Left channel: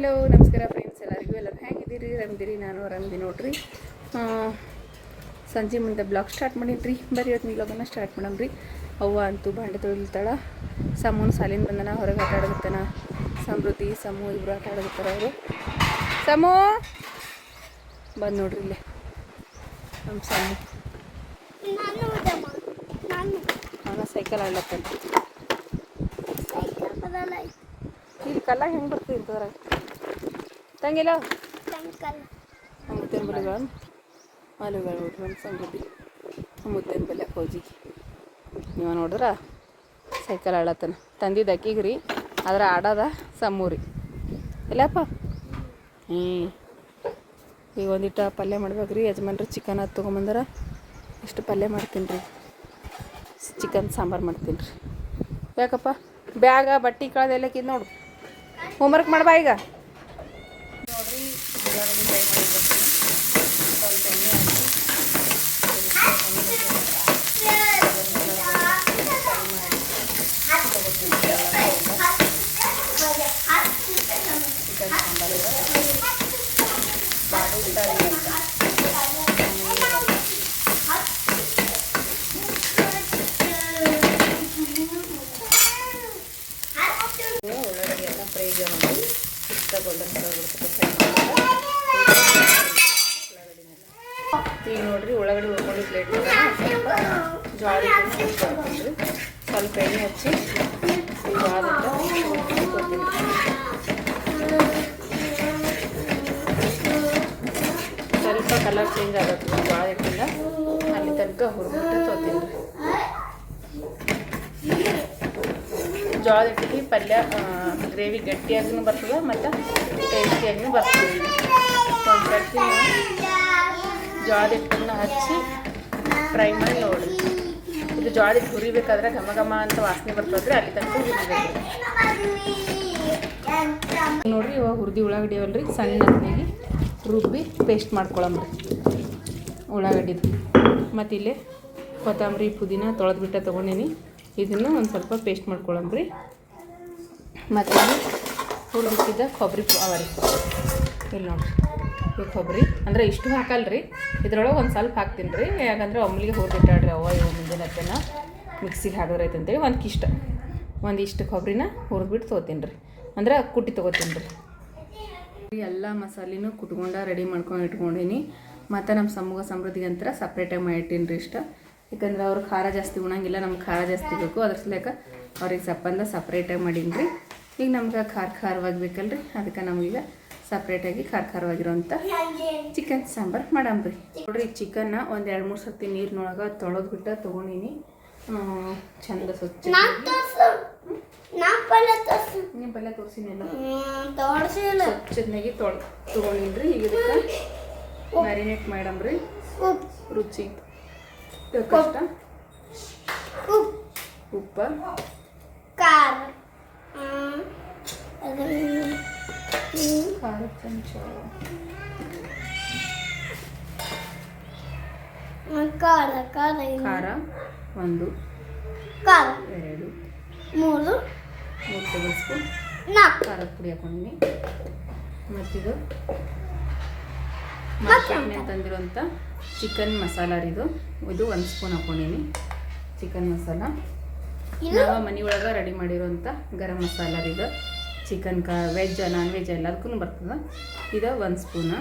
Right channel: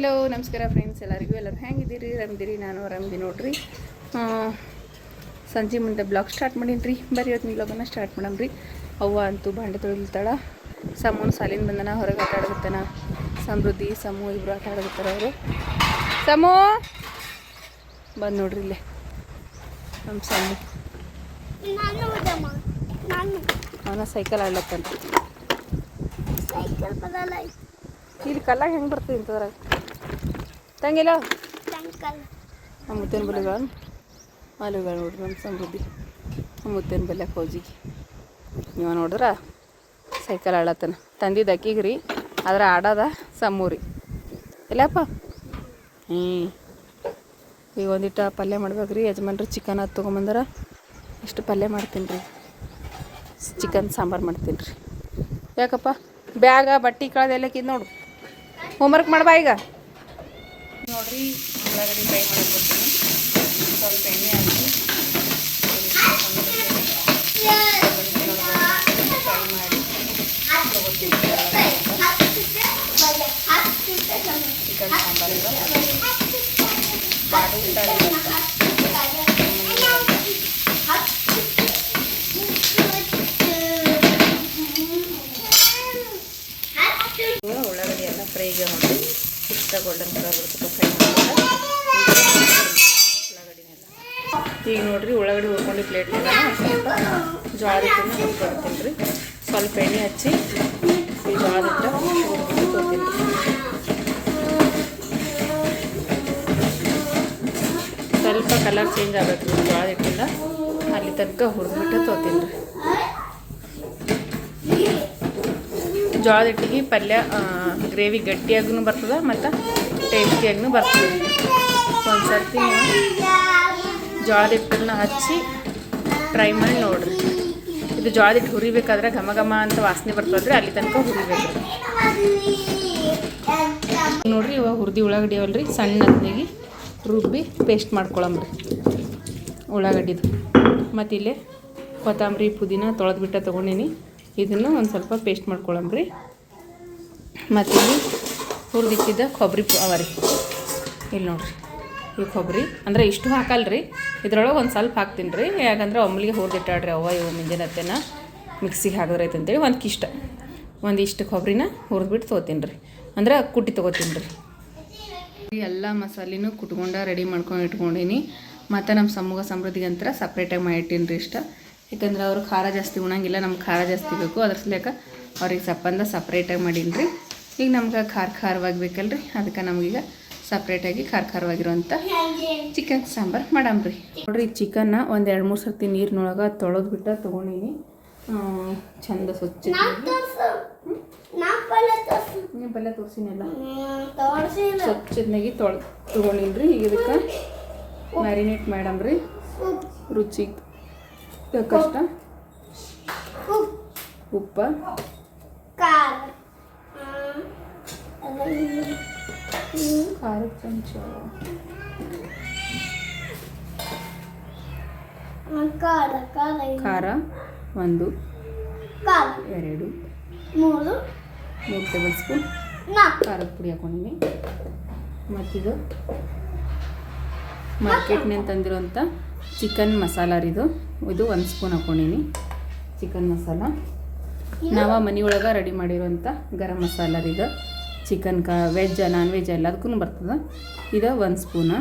Hello ನಮಸ್ಕಾರ friends, ಎಲ್ಲರೂ ಹೆಂಗಿದ್ದೀರಿ? ಆರಾಮಿದ್ದೀರಿ? ನಾನು ಆರಾಮಿದ್ದೀನಿ ನೋಡ್ರಿ. ಸಂಜೆ ಮುಂದೆ ಬ್ಲಾಗ್ ಸ್ಟಾರ್ಟ್ ಮಾಡೀನಿ. ಬರೀ ಇವತ್ತು ಬ್ಲಾಗನ್ನು ಸ್ಟಾರ್ಟ್ ಮಾಡಮ್ರಿ. ಅವ್ವ ಅಂತೂ ಬಾಂಡೆ ತೊಳಿತಾಳ. ಸಮೂನು ಸಾಲಿನ ಬಂದನ, ಹೊರಗೆ ಆಟ ಆಡಗತ್ತಾನ. ಸಮೃದ್ಧಿ ಸಮೂ ಇಬ್ಬರು ಆಟ ಆಡಗತ್ತಾರ. ಅವರು ಸಮೂ ಬಂದು ನೋಡ್ರಿ ಇಲ್ಲೇ ನಮ್ಮ ಸಮೂ. ನಾನು ಸೈಕಲ್ ಆಡ್ಲತ್ತೇನೆ. ಇಲ್ಲಿ ಕಲ್ಲಾಗ ಹೆಂಗೆ ಬರ್ತೀವಿ ಇಂಥದ್ರಾಗ ತಂಗಿಲ್ಲ ಮುತ್ತೇನು ಬಲಿಗ ಮಾಲುಗಳು ನೋಡ್ರಿ. ನಮ್ಮ ಸಮೃದ್ಧಿ ಮುತ್ತೇನು ಬಲ್ಯಾಕ ಫೌಜಿಗೆ ನೀವು ನೋಡ್ರ ಸೈಕಲ್ ಆಡತ್ತನ. ತಂದಿದ್ದು ಅಕ್ಕಿಗೆ ರೀ, ಆದ್ರೆ ಆಡೋದ ಸಮೂರಿ ಇಲ್ಲಪ್ಪ. ಈಗ ಒಂದಿಟ್ಟು ಪಲ್ಯ ಮಾಡ್ಬೇಕ್ರಿ. ಯಜಮಾನ್ರಿ ಚಿಕನ್ ಅದು ತೊಗೊಂಬಂದಾರ. ಇಷ್ಟು ಪಲ್ಯ ಮಾಡ್ತೀನಿ ರೀ. ಚಿಕನ್ ಸಾಂಬಾರು ಮಾಡ್ತೀನಿ ರೀ. ಯಾಕಪ್ಪ ಬ್ಯಾಗ ಬಟ್ಟೆ ಕಳೆದೆಲ್ಲಕ್ಕಿದ್ದು ನೋಡು. ಹೋಮ್ವರ್ಕ್ ಮಾಡ್ಬಾ ಈಗ ನೋಡ್ರಿ. ಉಳ್ಳಾಗಡ್ಡಿ ಫ್ರೈ ಮಾಡಿ ಬರ್ತೀನಿ. ಸ್ವಲ್ಪ ಎಣ್ಣೆ ಹಾಕಿ ಫ್ರೈ ಮಾಡಿ ತೊಗೋತೀನಿ. ಚಿಕನ್ ಸಾಂಬಾರು ಬಾಡು ಫ್ರೈ ಅಂತ ಉಳ್ಳಾಗಡ್ಡಿ ಎಲ್ಲ ಫ್ರೈಗೆ ನೋಡಿ ಇಷ್ಟ ಗೋಲ್ಡನ್ ಕಲರ್ ಬರ್ತದೆ. ಫ್ರೈ ಮಾಡ್ತಾರೆ ಉಳ್ಳಾಗಡ್ಡಿನೆಲ್ಲ. ಈಗ ನೋಡಿರಿ ಉಳ್ಳಾಗಡ್ಡಿ ಹುರ್ಕೊಂಡು ಪ್ಲೇಟ್ನಾಗ ಸ್ವಲ್ಪ ಜೋಳದ ಹಿಟ್ಟನ್ನು ಹುರ್ಕೊಳ್ತೀನಿ ರೀ. ಸ್ವಲ್ಪ ಎಣ್ಣೆ ಹಚ್ಚಿ ಈ ಜೋಳದ ಹಿಟ್ಟು ಹುರ್ಕೊಂಡು ತೊಗೊತೀನಿ ರೀ. ಸ್ವಲ್ಪ ಕಲರ್ ಚೇಂಜ್ ಆಗುತ್ತೆ ಜೋಳದ ಹಿಟ್ಟಿಂದ. ಅಲ್ಲಿ ತನಕ ಹುರಿದ್ಬಿಟ್ಟು ತೊಗೊತೀನಿ ರೀ. ಜೋಳದ ಹಿಟ್ಟಿಗೆ ಪಲ್ಯ ಗ್ರೇವಿ ಗಟ್ಟಿಯಾಗೂ ಬರ್ತದೆ ಮತ್ತು ಟೇಸ್ಟಿಯಾಗೂ ಬರ್ತದೆ. ಒಂದು ಸರ್ತಿ ನೀವು ಜೋಳದ ಹಿಟ್ಟನ್ನು ಹಚ್ಚಿ ಟ್ರೈ ಮಾಡಿ ನೋಡಿರಿ. ಇದು ಜೋಳದ ಹಿಟ್ಟು ಹುರಿಬೇಕಾದ್ರೆ ಘಮ ಘಮ ಅಂತ ವಾಸನೆ ಬರ್ತದ್ರಿ, ಅಲ್ಲಿ ತನಕ ಹುರಿಬೇಕು ನೋಡಿರಿ. ಇವಾಗ ಹುರಿದು ಉಳ್ಳಾಗಡ್ಡಿ ಅವಲ್ರಿ ಸಣ್ಣ ಹತ್ನೆಗೆ ರುಬ್ಬಿ ಪೇಸ್ಟ್ ಮಾಡ್ಕೊಳಮ್ರಿ ಉಳ್ಳಾಗಡ್ಡಿದು. ಮತ್ತು ಇಲ್ಲೇ ಕೊತ್ತಂಬರಿ ಪುದೀನ ತೊಳೆದ್ಬಿಟ್ಟು ತೊಗೊಂಡೀನಿ. ಇದನ್ನು ಒಂದು ಸ್ವಲ್ಪ ಪೇಸ್ಟ್ ಮಾಡ್ಕೊಳಮ್ರಿ. ಮತ್ತು ಇಲ್ಲಿ ಹುರಿದಿಟ್ಟಿದ್ದ ಕೊಬ್ಬರಿ ಅವ ರೀ. ಇಲ್ಲಿ ನೋಡಿರಿ ಈ ಕೊಬ್ಬರಿ ಅಂದರೆ ಇಷ್ಟು ಹಾಕಲ್ರಿ, ಇದ್ರೊಳಗೆ ಒಂದು ಸ್ವಲ್ಪ ಹಾಕ್ತೀನಿ ರೀ. ಯಾಕಂದ್ರೆ ಒಮ್ಮಲಿಗೆ ಹುರಿದಿಟ್ಟಾಡ್ರಿ ಅವ್ವ ಇವು ಮುಂಜಾನೆ ಮಿಕ್ಸಿಗೆ ಹಾಕಿದ್ರೈತೆ ಅಂತೇಳಿ ಒಂದಿಷ್ಟು ಕೊಬ್ಬರಿನ ಹುರಿದ್ಬಿಟ್ಟು ತೊಗೋತೀನಿ ರೀ. ಅಂದ್ರೆ ಕುಟ್ಟಿ ತೊಗೋತೀನಿ ರೀ. ಎಲ್ಲ ಮಸಾಲೆನೂ ಕುಟ್ಕೊಂಡು ರೆಡಿ ಮಾಡ್ಕೊಂಡು ಇಟ್ಕೊಂಡೀನಿ. ಮತ್ತು ನಮ್ಮ ಸಮೃದ್ಧಿಗೆ ಅಂತರ ಸಪ್ರೇಟಾಗಿ ಮಾಡಿಟ್ಟೀನಿ ರೀ ಇಷ್ಟ. ಯಾಕಂದ್ರೆ ಅವ್ರು ಖಾರ ಜಾಸ್ತಿ ಉಣಂಗಿಲ್ಲ, ನಮ್ಗೆ ಖಾರ ಜಾಸ್ತಿ ಬೇಕು. ಅದ್ರ ಸಲಕ ಅವ್ರಿಗೆ ಸಪ್ಪಂದ ಸಪ್ರೇಟಾಗಿ ಮಾಡೀನಿ ರೀ. ಈಗ ನಮ್ಗೆ ಖಾರವಾಗಿ ಬೇಕಲ್ರಿ, ಅದಕ್ಕೆ ನಮಗೀಗ ಸಪ್ರೇಟಾಗಿ ಖಾರವಾಗಿರೋಂಥ ಚಿಕನ್ ಸಾಂಬಾರು ಮಾಡಮ್ರಿ. ನೋಡಿರಿ ಚಿಕನ್ನ ಒಂದು 2-3 ಸರ್ತಿ ನೀರಿನೊಳಗೆ ತೊಳೆದ್ಬಿಟ್ಟು ತೊಗೊಂಡೀನಿ. ಚಂದ ಸ್ವಚ್ಛ ಪಲ್ಯ ತೋರಿಸಿನೆಲ್ಲ ಸ್ವಚ್ಛದಾಗಿ ತೊಗೊಂಡೀನಿ ರೀ. ಈಗ ಇದಕ್ಕೆ ಮ್ಯಾರಿನೇಟ್ ಮಾಡಮ್ರಿ. ರುಚಿ ಕಷ್ಟ ಉಪ್ಪ ಖಾರ ಚಮಚ ಖಾರ 1 2 3 ಟೇಬಲ್ ಸ್ಪೂನ್ ಖಾರದ ಪುಡಿ ಹಾಕೊಂಡಿನಿ. ಮತ್ತಿದು ಮಾರ್ಕೆಟ್ನಲ್ಲಿ ತಂದಿರೋಂಥ ಚಿಕನ್ ಮಸಾಲ ರೀ. ಇದು 1 ಸ್ಪೂನ್ ಹಾಕೊಂಡಿನಿ ಚಿಕನ್ ಮಸಾಲ. ನಾವು ಮನೆಯೊಳಗೆ ರೆಡಿ ಮಾಡಿರೋಂಥ ಗರಂ ಮಸಾಲ ರೀ. ಇದು ಚಿಕನ್ ವೆಜ್ ನಾನ್ ವೆಜ್ ಎಲ್ಲದಕ್ಕೂ ಬರ್ತದೆ. ಇದು 1 ಸ್ಪೂನ್.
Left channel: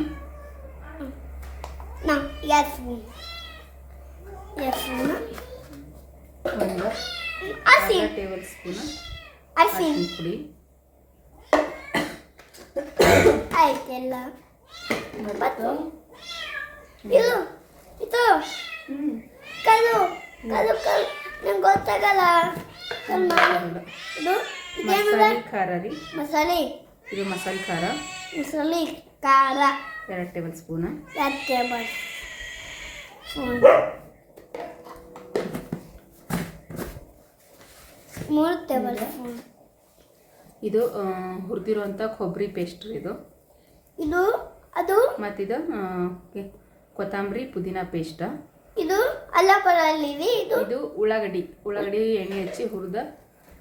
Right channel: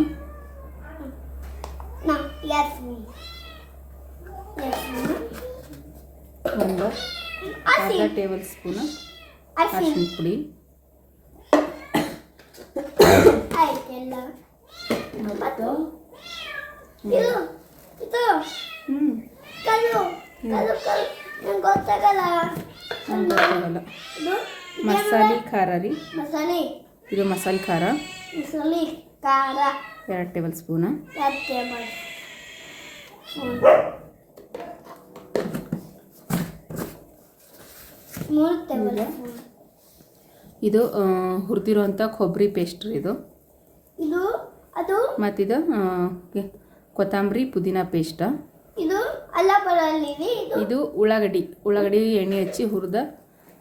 ಒಂದು ಟೇಬಲ್ ಸ್ಪೂನ್ ಅರಿಶಿನ ಪುಡಿ. ಮಸಾಲೆ ಖಾರ ರೀ. ಇದು ಮಸಾಲೆ ಖಾರ 2 ಟೇಬಲ್ ಸ್ಪೂನ್. ಇದು ಹುರಿದಿರುವಂಥ ಕೊಬ್ಬರಿ ಪೇಸ್ಟ್ ರೀ. ಇದು ಮತ್ತಿದು ಕೊತ್ತಂಬರಿ ಪುದೀನ ಪೇಸ್ಟ್. ಇದು ಉಳ್ಳಾಗಡ್ಡಿ ಎಣ್ಣೆ ಹಚ್ಚಿ ಹುರಿದ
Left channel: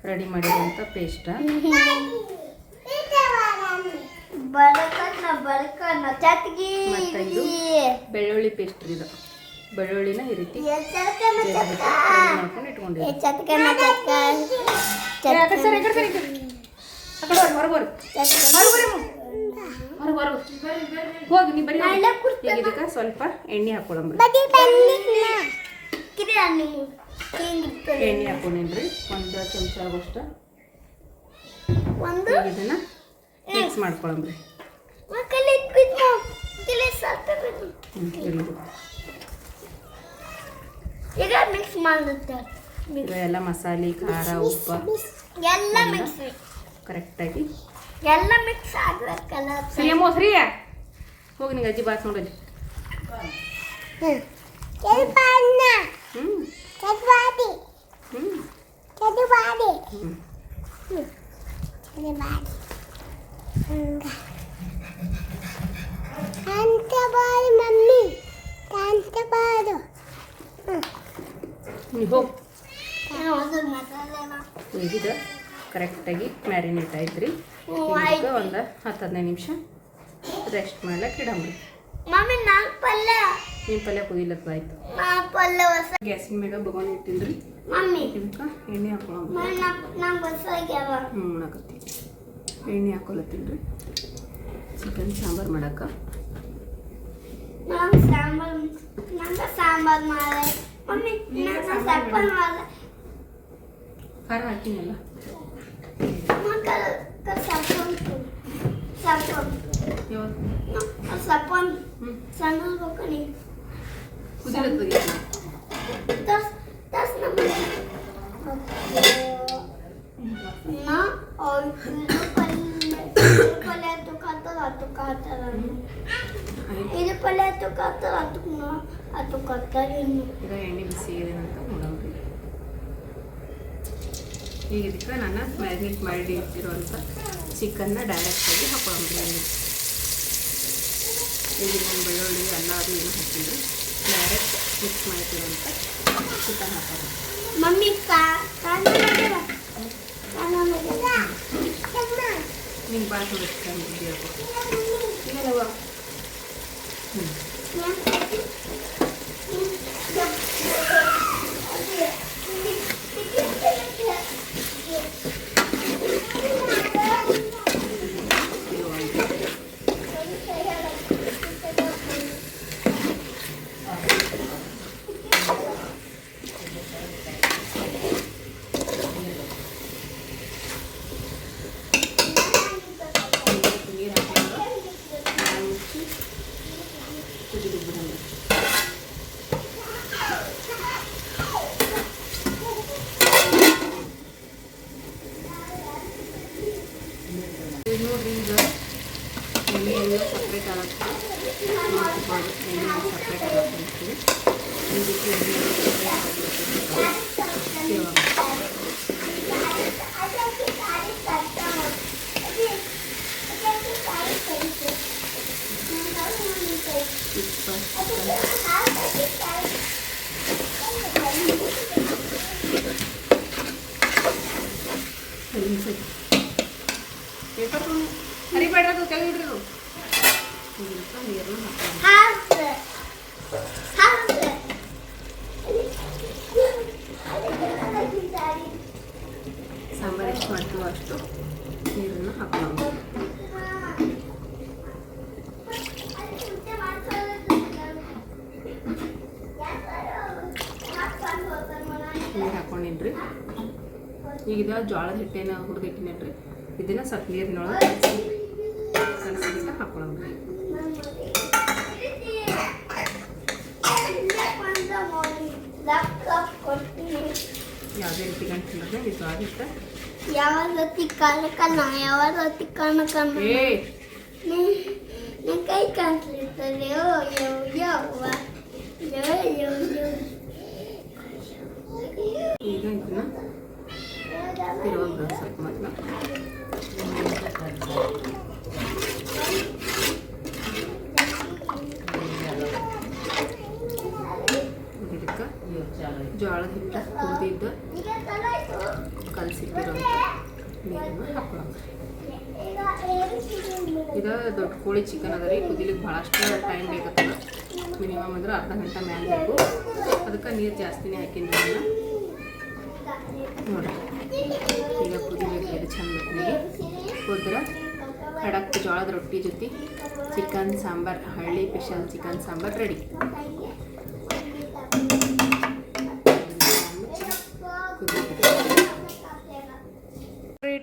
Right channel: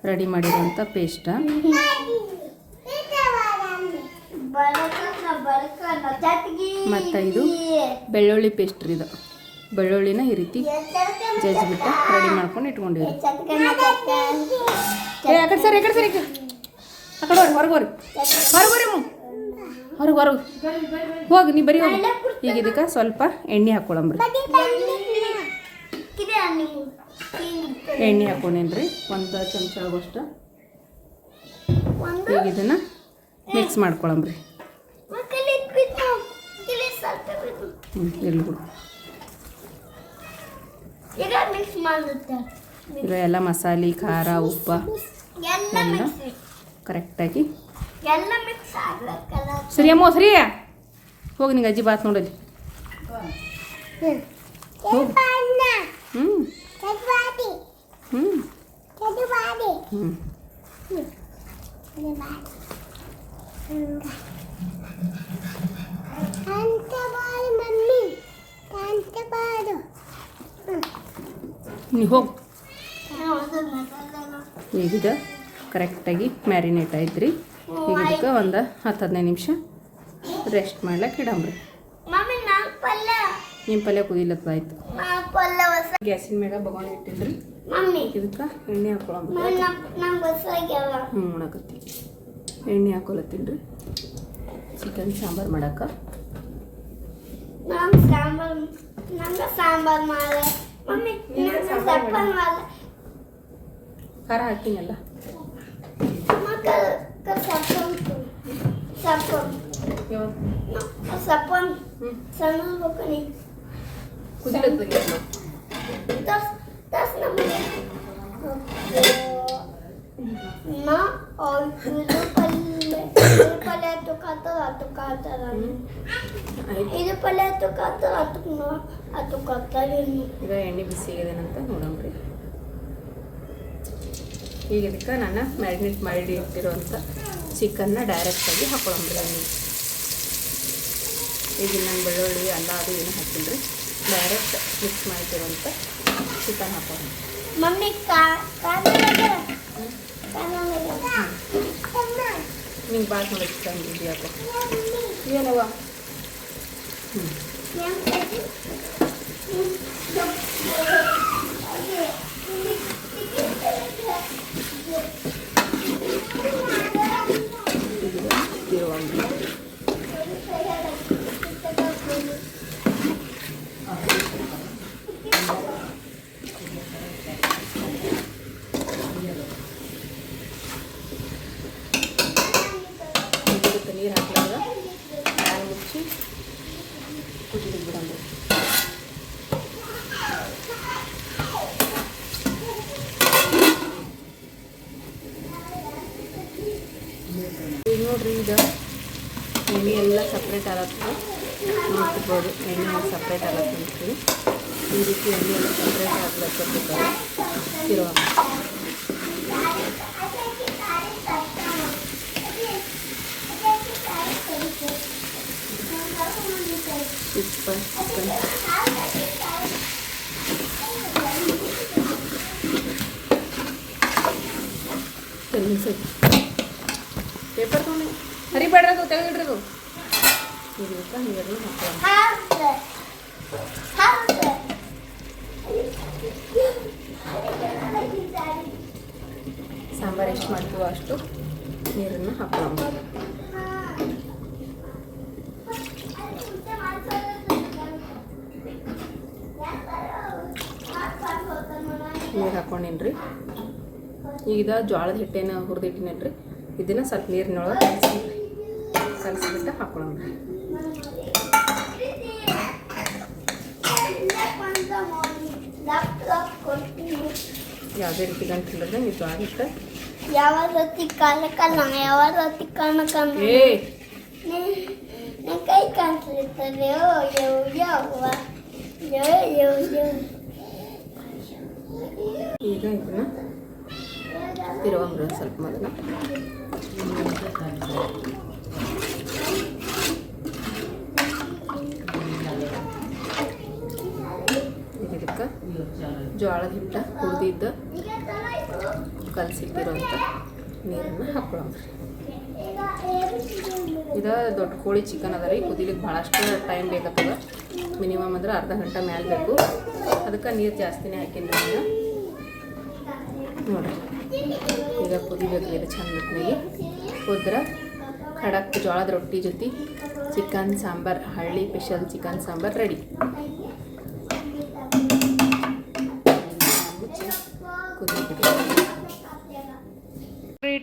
ರೆಡಿ ಮಾಡಿರುವಂಥ ಪೇಸ್ಟ್. ಮತ್ತು ಇದು ಬೆಳ್ಳುಳ್ಳಿ ಪೇಸ್ಟ್ ರೀ. ಇದು ಬೆಳ್ಳುಳ್ಳಿನ ಈ ರೀತಿ ಜಜ್ಜಿಬಿಟ್ಟು ರೆಡಿ ಮಾಡ್ಕೊಂಡು ಇಟ್ಕೊಂಡಿದ್ದೀವಿ. ಆ ಕಡೆ ಸರಿ ಆ ಕಡೆ ಹೊರಗೆ ಹೋಗಿ ನೀ ಬರೀ ಈಗ ಇದಕ್ಕೆ ಸ್ವಲ್ಪ ಎಣ್ಣೆ ಹಾಕ್ಕೊಳಂಬ್ರಿ. ಎಣ್ಣೆ ಹಾಕೊಂಡೇನ್ರಿ 1 ಚಮಚ ಆಗೋಷ್ಟು. ಈಗ ಇದನ್ನು ಮಿಕ್ಸ್ ಮಾಡ್ಕೊಳಂಬ್ರಿ. ಈಗ ಎಲ್ಲ ಮಸಾಲೆ ಖಾರ ಉಪ್ಪು ಎಲ್ಲ ಕರೆಕ್ಟಾಗಿ ಸರಿ ಅಮ್ಮ ಸರಿ ಹೋಗಿ ನಿಂಗೆ ಅಜ್ಜಿ ಬಾತ್ ನೋಡಲ್ಲಿ. ಹೋಗಿ ಈಗಿದ ಕರೆಕ್ಟಾಗಿ ಮ್ಯಾರಿನೇಟ್ ಆಯ್ತು. ಈಗ ಇದಕ್ಕೆ ಒಂದು 10-15 ನಿಮಿಷ ರೆಸ್ಟ್ ಮಾಡ್ಲಿಕ್ಕೆ ಇಡಂಬ್ರಿ. ನಿಮ್ಮ ಪಲ್ಯ ಕುದಿಲತ್ತಾಯ್ತು. ಗ್ಯಾಸಿನ ಮ್ಯಾಗ ಬಗೋಣ ಇಟ್ಟಿನ್ರಿ. ಇದಕ್ಕೆ ಎಣ್ಣೆ ಹಾಕೊಳಂಬ್ರಿ. ಉಣಕತ್ತಿ ಎಣ್ಣೆ ಹಾಕೊಳತ್ತೀನ್ರಿ ಚಿಕನ್ ಸಾಂಬಾರು ಮಾಡಕ್ಕೆ. ಖಾರ ಹಾಕ್ತೀನಲ್ಲ ಈಗ ಎಣ್ಣೆ ಬಿಸಿ ಅಂತ ನೋಡಂಬ್ರಿ. ಈಗ ಇದಕ್ಕೆ ನಾನು ಮ್ಯಾರಿನೇಟ್ ಮಾಡಿ ಇಟ್ಟಿರುವಂಥ ಚಿಕನ್ನ ಡೈರೆಕ್ಟಾಗಿ ಹಾಕೊಂಡ್ರಿ. ಈಗ ನಾನು ಬೆಳ್ಳುಳ್ಳಿ ಅಲ್ಲ ಅದು ಏನು ಹಾಕಿದ್ರೆ ಡೈರೆಕ್ಟ್ ಮಿಕ್ಸ್ ಮಾಡ್ತಿರೋಂಥ ಚಿಕನ್ ಹಾಕೋಣ. ನಿಂಗೆ ಭಾಳ ನೋಡಿ ಚಿಕನ್ ಬಿಡಿ ಏನವ ಎಣ್ಣೆ ಎಲ್ಲ ಸಪ್ರೇಟ್ ಆಗುತ್ತೆ. ಎಣ್ಣೆ ಸಪ್ರೇಟ್ ಆಗುತ್ತೆ ಈ ರೀತಿ ಎಣ್ಣೆ ಸಪ್ರೇಟ್ ಆಗಬೇಕು. ಪೇಪರ್ ಹರಿಬೇಡ್ರದು ತೆಗೆದಿಡ್ರದು. ಸಾಂಬಾರು ಎಷ್ಟು ಮಾಡ್ತೀವೋ ಅಷ್ಟು ನೀರನ್ನು ಹಾಕೋಣ. ನೀರು ಹಾಕೊಂಡಿನ್ರಿ. ಈಗ ಜೋಳದ ಹಿಟ್ಟೇನ ಹುರಿದಿಟ್ಟಿನೇನ್ರಿ. ಇದನ್ನು ಸ್ವಲ್ಪ ನೀರಿನೊಳಗೆ ಕಲಸಿಬಿಟ್ಟು ಹಾಕೊಳ್ಳೋಣ. ಯಾವುದೇ ರೀತಿ ಗಂಟಿಲ್ಲದ ಇದು ಆಗಿತ್ತ ಯಾವ ರೀತಿ ಕಾಲಕ್ಕಲ್ಲ ಯಾವ ರೀತಿ ಕಾಣಕಲ್ಲ ನನ್ನ ಕೈ ಕಾಣಿಸ್ತದೆ. ಈಗ ಇದನ್ನ ತಿರುವಂಬ್ರ ಸ್ವಲ್ಪ ಮಾತ್ರ ಜೋಳದ ಹಿಟ್ಟು ಹುರಿದಿದ್ದು ಕಲಸಿಟ್ಟಿರೋಂಥ ನೀರನ್ನು ಹಾಕೊಳ್ಳೋಣ. ಇದು ದೊಡ್ಡ ಕೋಳಿ ಚಿಕನ್ ಅದ ರೀ. ಕುದಿಲಿಕ್ಕೆ ಭಾಳಷ್ಟು ಟೈಮ್ ಬೇಕಾಗ್ತದೆ. ಮಿನಿಮಮ್ ಅಂದ್ರೆ ಅರ್ಧ ಗಂಟೆ ಮ್ಯಾಲೆ ಬೇಕು. ಅದಕ್ಕೆ ನೀರು ಜಾಸ್ತಿನೇ ಹಾಕಿನಿ ನಾನು ನೋಡಿರಿ. ಈಗ ಕುದಿಬೇಕು ಇದು ಚಂದ ಕುದ್ರೆ ಖಡಕ್ ಜೋಳದ ರೊಟ್ಟಿ ಜೊತೆ ಚಿಕನ್ ಸಾಂಬಾರು, ಹಳ್ಳಿ special chicken sambar ready.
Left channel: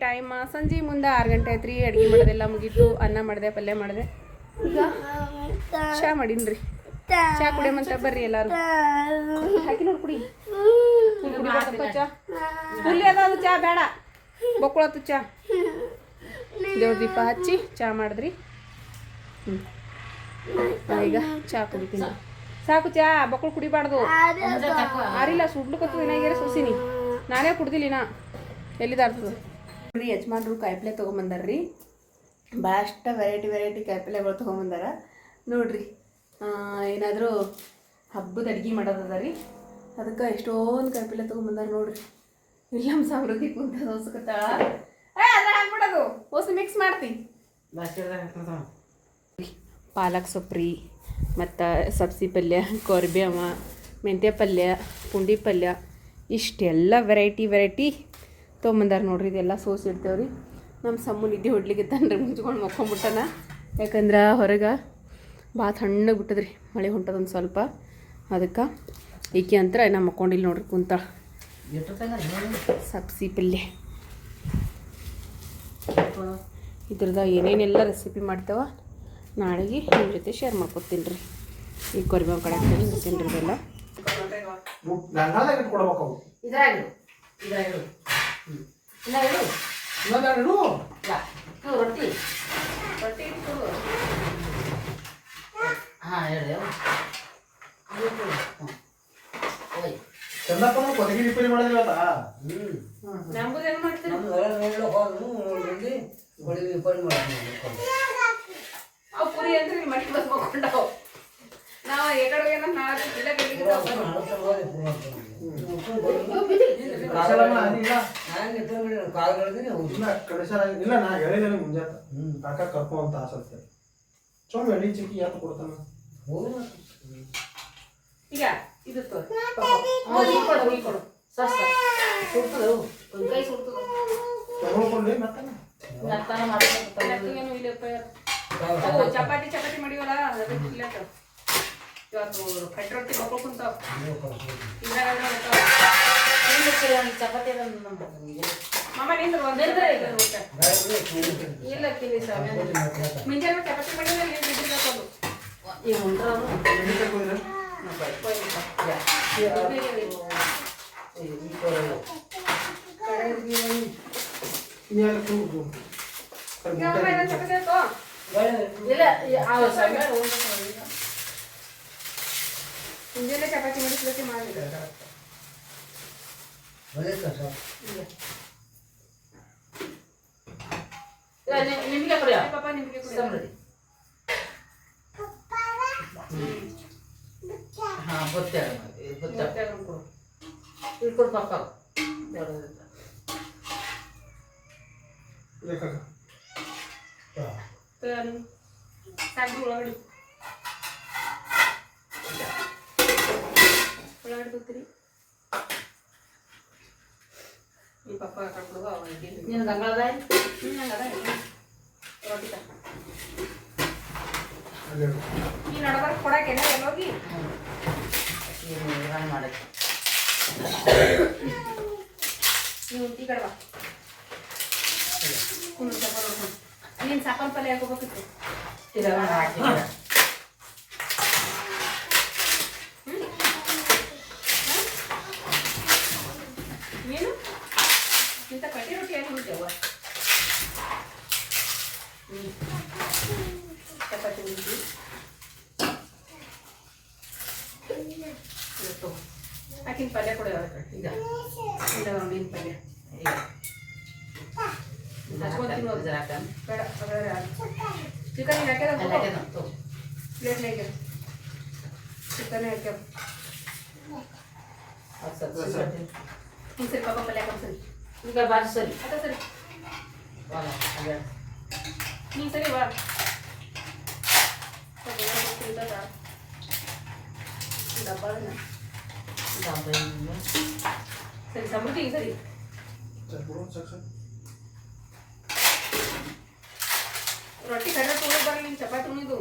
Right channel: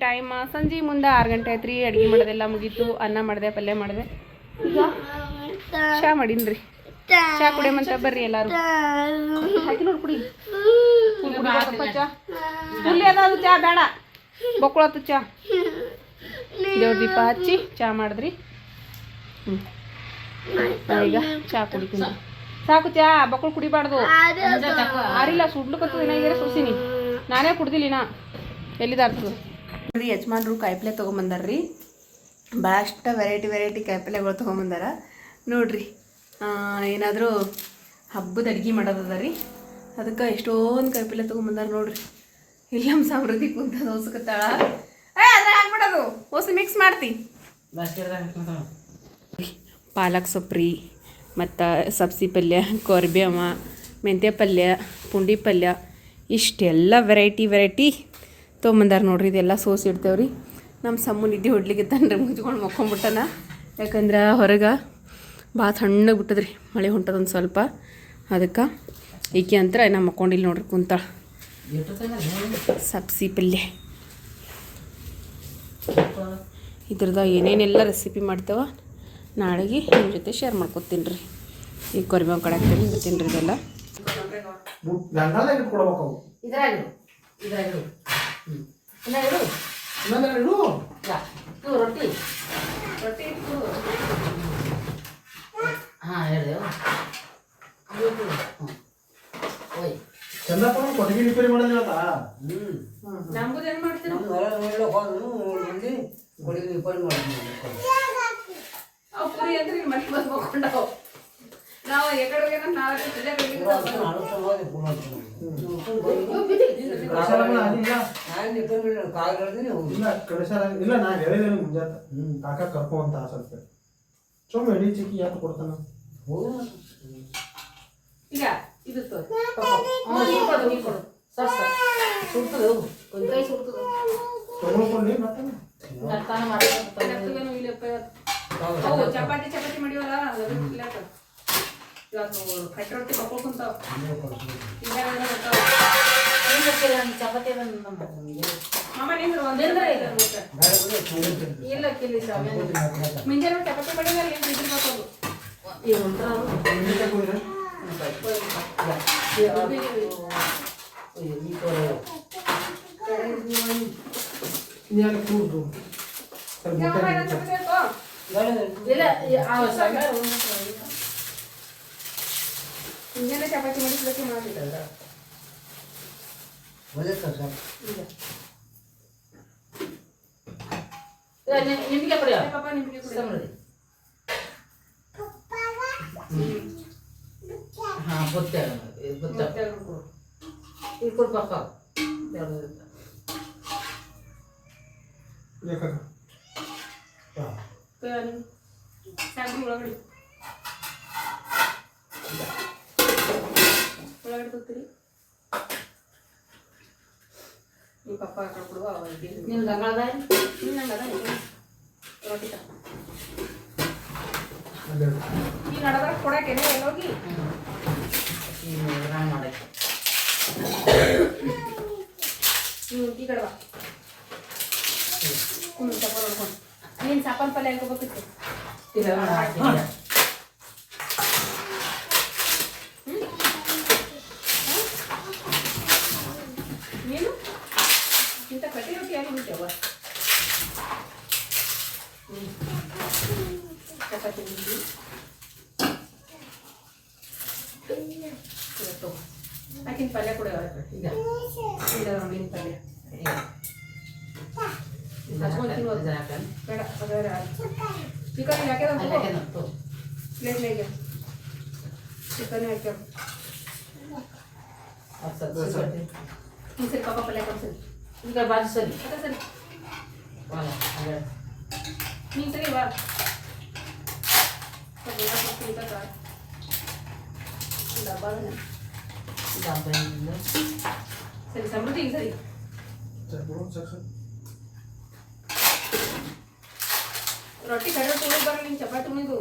Time ಸಂಜೆ ಮುಂದೆ 6 ಗಂಟೆ ಆಯ್ತು ರೀ. ಅಡುಗೆ ಮಾಡೋದೆಲ್ಲ ಮುಗೀತು. ಅನ್ನ ಮಾಡಿದೆ, ಪಲ್ಯ ಮಾಡಿದೆ. ಈಗ ಚಹಾ ಮಾಡೀನಿ. ಚಹಾ ಕುಡಿಯಮಂತ ಬರ್ರಿ ಎಲ್ಲರೂ. ಹಾಕಿ ನೋಡಿ ಕುಡಿ. ಕುಡಿಬೇಕಪ್ಪ ಚಹಾ. ಹುಲ್ಲಿ ಅದಾವ ಚಹಾ ಬೇಡ, ಬೊಕ್ಕಳತ್ತು ಚಹಾ. ದೇವ್ರ ದೀಪ ಹಚ್ಚಿ ಚಹಾ ಮಾಡಿದ್ರಿ. ಈಗ ಚಹಾ ಕುಡಿತೀನಿ. ಸಾಕು ಚಹಾ, ಬೊಕ್ಕಳು ಕುಡಿಬಾರ್ದು. ಆರಿಲ್ಲ ಸುಡ್ಲಿಕ್ಕತ್ತು ಏನಾಗ್ಯಾರ ಸೋಸಿನಿ. ನಾನೇ ಕುಡ್ದಿಲ್ಲಿನ ಎಲ್ಲಿದಾರ್ತದೆ ರೀ. ಯಜಮಾನ್ರು ಕಾಯಿಪಲ್ಲೆ ತೊಗೊಂಬಂದಾರ್ರಿ. ಭಾಳಷ್ಟು ವೆರೈಟಿ ಕಾಯಿಪಲ್ಲೆಗಳು ತೊಗೊಂಬಂದಾರ ನೋಡ್ರಿ. ಏನಾದರೂ ಹಬ್ಬದ ಅಡುಗೆ ಮಾಡೋದದ ರೀ. ಅದಕ್ಕೆ ಎಷ್ಟೊಂದು ಕಾಯಿಪಲ್ಲೆ ತೊಗೊಂಬಂದಾರ ನೋಡ್ರಿ. ಇಲ್ಲ ನಮ್ಮ ಸಮೃದ್ಧಿ ಕುಂತ ದೋಸಕತ್ತಾಳ. ಅದ್ರ ಹಾಕ್ಬಿಡೋದು ಓಸು ಮಿಕ್ಸ್ ಮಾಡ್ತಿ. ಪಾಲಕ್ ಸೊಪ್ಪು ರೀ, ಮತ್ತು ಸಬ್ಸಿ ಪಲ್ಯ, ಕೊರ್ಬೇವ, ಮೆಂತ್ಯ ಪಲ್ಯ, ಪುಂಡಿ ಪಲ್ಯ, ಇಷ್ಟೆಲ್ಲ ವೆರೈಟಿ ತೊಗೊಂಬಂದಾರ ನೋಡ್ರಿ. ಇದೆಲ್ಲ ಸೋಸಿ ಇಡ್ತೇವ್ರಿ. ನಮ್ಮ ಸಮ್ಮು ನಿದ್ದೆ ಹೊಡ್ಲಿಕ್ಕೆ ತನ್ರಿ ಮುಚ್ಕೊಂಡು ಮಕ್ಕೊಂಬಿಟ್ಟನ. ಯಾಕಂದ್ರೆ ಹೊರಗೆ ಭಾಳ ತಣ್ಣಗೆ ಬಿಟ್ಟದ್ರಿ, ಮಳೆ ಹೊಂಟದೊಂದು ಸ್ವಲ್ಪ. ಅದಕ್ಕೆ ಈಕೆ ಅಂತರ ನಮ್ಮ ಮಕ್ಕೊಂಡಿಲ್ಲ ನೋಡ್ರಿ ಕುಂತಾಳ. ಸಬ್ಸಿ ಪಲ್ಯ ಇದ್ರದ ಏನೇನೆಲ್ಲ ರೆಸಿಪಿ ಮಾಡ್ತೇವ ನಾಳೆಗೆ ನಿಮ್ಮ ಜೊತೆ ಶೇರ್ ಮಾಡ್ಕೊತೀನಿ ರೀ. ಈಗ ಕೊರಿಬೇವು ಕಡೆ ಹಾಕ್ತೀನಿ ಇಡ್ತೀನಿ ರೀ. ಇದೆಲ್ಲ ರೊಟ್ಟಿ ಹಾಂ ಹೇಳಿ ಚಂದಪ್ಪನ ಕೊದಗಿ ರಿಪೇರಿ ಮಾಡಿದ್ರಿ ಇವತ್ತ. ನಮ್ದು ಏನು ಮಾಡ್ತೀವಿ ಅವು ಪುರಿ ಅಂದ್ರೆ ನಿಮ್ಮ ಮನೆ ಬಸ್ ಹೋಗ್ಕೊಂಡವು. ನಾವು ಎಕಡೆ ನಾಳೆ ಇಲ್ಲ ನಾ ಹೇಳಿದ್ದೇನೆ ಮುಂಜಾತ ಕಾಕ ಕರ್ಕೊ ಅಂತ ಆಸತ್ತೆ. ಚೊಮ್ಮೆ ಎಡಿ ಚಿಕ್ಕಿ ಯಾಕೆ ಕೊಡ್ತಾನ ಈಗ ಇದು ಚಪಾತಿ ಮಾಡಿವಲ್ಲ ಇವತ್ತು ಕಟ್ಟಿ ರೊಟ್ಟಿ ಬಕ್ಕೊಂಡು ಕುಂತಾವ. ಚಪಾತಿ ಮಾಮ ನಿಂದ್ರು ಒಂದೇಂದ್ರೆ ಇಲ್ಲ ಕಿಲಿ ಮುಂಜಾನೆ ಚಪಾತಿ ಮಾಡಿಲ್ಲ ಇದ್ರದು ಈಗ ಮುಂಜಾನೆ ಚಪಾತಿ ಮಾಡಿಸ್ಲಿಕ್ಕೆ ಮಾಡಿಲ್ಲ ನಿಮಗೆ ಕೊಡಿ ಪಾಪ ನಿಮಗೆ ಕೊಡಿ. ಹಾಂ ಬೊತ್ತೆ ಇಟ್ಕೊಡು ಪಾಪ ಒಳಗಡೆ ಹೋಗ್ತೀರಿ ನಿಮ್ಮ ಪಪ್ಪ ಹಾಕೊಡುವ ನೀನು ಗಂಗಾಳದ ರೊಟ್ಟಿ ನೀನು ನಡಬರ ಕೊಡಕ್ಕೆ ಎಲ್ಲೋಗಿ ಮಾಡಕ್ಕೆ ನೀವು ಈ ಕಡೆ ಬಾ ಚಪ್ಪ ನೋಡ್ಕೊಂಡು ನೀನು ಸಾಪನ್ ಪಲ್ಯ ಹಾಕೋಬೇಕಿತ್ತು. ನೀನು ಇಂಥ ಕಟ್ಟಿ ರೊಟ್ಟಿ ಯಾಕೆ ಬಿಡ್ತೇವ ಚಪಾತಿ ಬಿಟ್ಟು ಆಕಿನ ಪಲ್ಯ ಕೂಡ ಈಗ ಇಲ್ಲ ಮೀನು ಪಲ್ಯ ಹಚ್ಕೊಂತೀನಿ ಬೇಡ ಚಿಕನ್ ಹಾಕ್ಯದ ಪ್ಲೇಟ್ನಾಗೆ ಚಿಕನ್ ಹಾಕ್ಯಾವ ಸರಿ ಪಾಪ ಪಲ್ಯ ಸರಿ ಈಗ ಬಾಜು ಸರಿ ಅದ ಸರಿ ನೀನು ಸರಿ ಬಾ ಸಿಗ್ತದ ಡಬ್ಬ ಸರಿ ಸಮೃದ್ಧಿ ಹಿಂಗೆ ಸರಿ ರೊಟ್ಟಿ ಕಡೆ ತುಳಿ ಬರ್ರಿ ನಿನ್ ಚಪಾತಿ ಉಣಿದು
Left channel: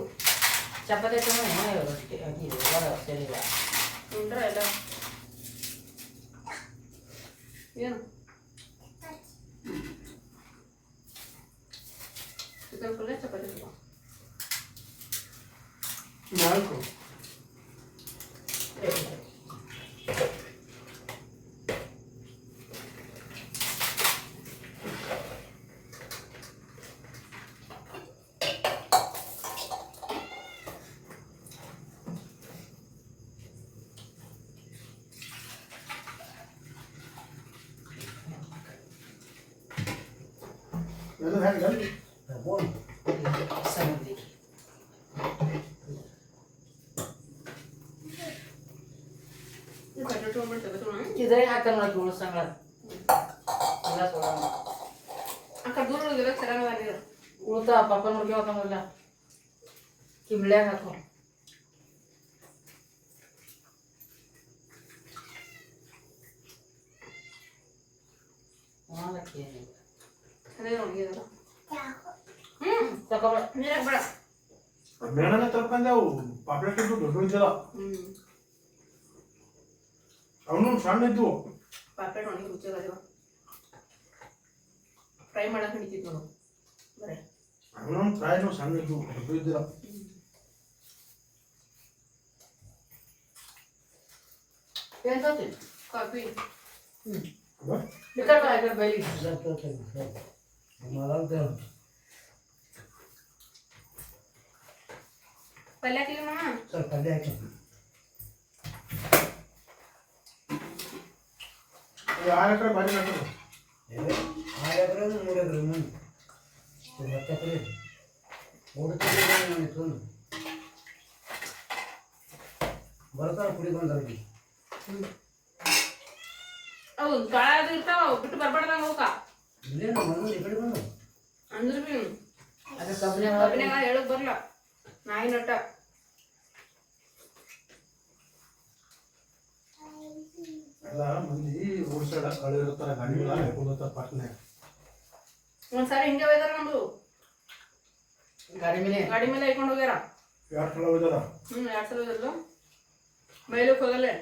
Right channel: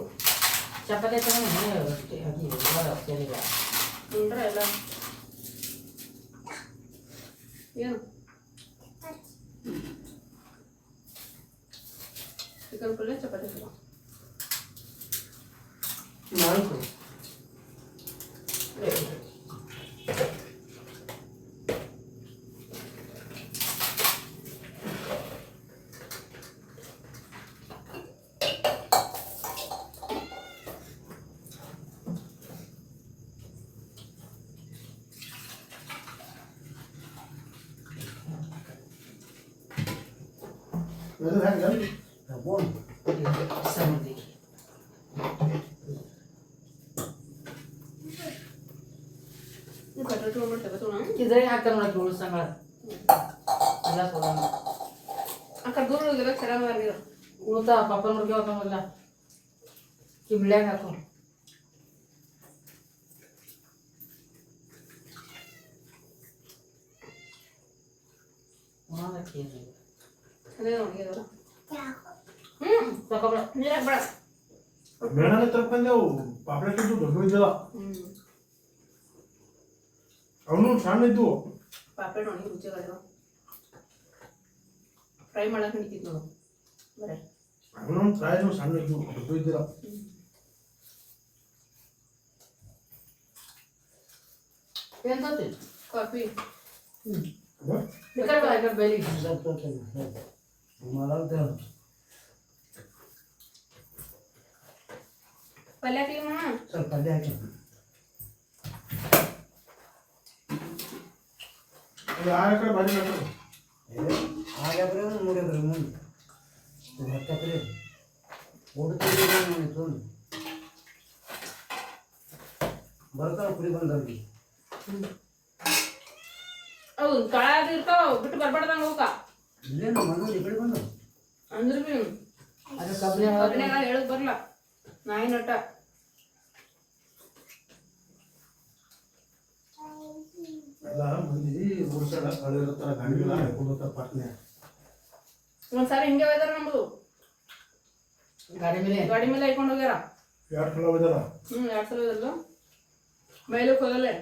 ಚಪಾತಿ ರೊಟ್ಟಿ ಸರಿ ಉಂಡ್ರ ಎಲ್ಲ ಏನು ಚಿಕನ್ ಪಲ್ಯ ಚಪಾತಿ ತಗೋ ನಾಲ್ಕು ಅದು ಹೇಗೆ ಸಮುದ್ರಿ ಕಟ್ಟ ತೊಗೊಂಡ್ಬಿಟ್ಟು ಇದ್ರಾಗ ಹಾಕ್ತಾರೆ ನೋಡಕ್ಕೆ ಉಳಿಸಂಗ ಎಲ್ಲ ಸೋಲ ಆ ಕಡೆ ದೂರ ಹೋಗಿರೋ ಚೆನ್ನಾಗಿ ನೀರು ಉಳ್ತಾ ಪಾಪನ ಮುರ್ಗೆ ಹೋಗಲ್ಲ ಕಿಮ್ಳ್ಯಾಗ ಹಾಕು ಅದೇ ಒಣಗಿದಲ್ಲ ತಗೊಳ ನೀರಾಗ ಬೇಡ ಬೇಡನೆ ತಪ್ಪಂದೆ ಅವು ಪಾಪ್ಲೆಟ್ ಇದ್ದು ದೊಡ್ಡ ಇದ್ದಿಲ್ಲ ಅವನು ಸಣ್ಣ ಇದ್ದು ಪಾಪೆಟ್ ಒಣಗಿ ರುಚಿಯಾಗಲ್ಲ ಫ್ರೈ ಮಾಡಕ್ಕೆ ಹಿಡಿತಿತ್ತು ನೋಡು ಬರೇ ಅವನು ಫ್ರೈನು ಸಣ್ಣ ಇದ್ದು ದೊಡ್ಡ ಇದ್ದಿಲ್ಲ ಏನು ತೋತಿ ಕಾಫಿ ಬೇಕಾದ್ರೆ ಬೈಲಿ ಪಲ್ಯ ಹಾಕಿದಮ್ಮ ಸ್ವಲ್ಪ ಪಲ್ಯ ಹಾಕಿ ಆರು ಎಕರೆ ಬಾರಿ ಹಾಕೋದು 6 ಎಕರೆ 3 ಎಕರೆ ಮುಂದೆ 10 ಎಕರೆ ಓಡುತ್ತಿದ್ದು ಬರ್ತಾವ ಕುಡಿ ಬಂದವ್ರಿಗೆ ಅವು ಕಾಳಾದ ಇರ್ತಾವ ಬಿಟ್ಟು ಬರ್ಬಾರ್ದಂಗ ಅವಕ್ಕ ಇಲ್ಲೇನು ಬಂದವ್ರು ಈ ಕಡೆ ಬಂದವು ಅಂದ್ರ ಬಿ ಅದೇ ಕಬ್ಬಿನ ಕಬ್ಬಿನಾಗ ಹೇಳಕ್ ಬರಲ್ಲ ನಾಯಿ ನಟ ಎಲ್ಲ ಮಂದಿ ರೋಡ್ ಸೈಡ್ ಕಳಿರ್ತಾರ ಗಾಡಿಗಳ ಹಾಕೊಂಡ್ತಾರ ಪಟ್ನೆ ಒಂದ್ಸಾರಿ ಹಿಂಗೆ ಒಯ್ದಾರ ನಮ್ದು ಗಾಡಿ ಮೇಲೆ ಹಾಕೊಂಡು ಹೋಗ್ಯಾರ 2 ಕಿಲೋ ಹೋಯ್ದಾರ 2 ಸಲ ಹೋದಲ್ಲ ಬೈಲಕ್ಕೆ ಹೋಗಲ್ಲೇ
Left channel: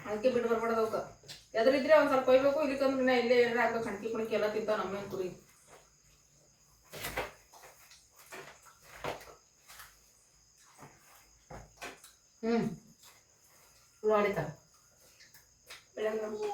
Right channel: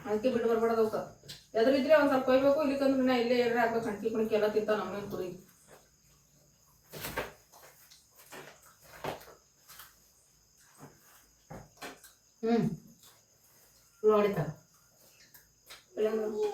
ಅದಕ್ಕೆ ಬಿಟ್ಟು ಬರ್ಬಾರ್ದು ಅವಕ್ಕ ಎದ್ರಿದ್ರೆ ಒಂದ್ ಸ್ವಲ್ಪ ಕೊಯ್ಬೇಕು ಇಲ್ಲಿಕಂದ್ರೆ ನಾ ಇಲ್ಲೇ ಏನಾರ ಹಾಕ್ಬೇಕು ಕಣ್ಕಿ ಕುಣಿಕಿ ಎಲ್ಲ ತಿಂತಾವ ನಮ್ಮ ಕುರಿ ಹೊಡಿತಾವ ಬೆಳಗ್ಗೆ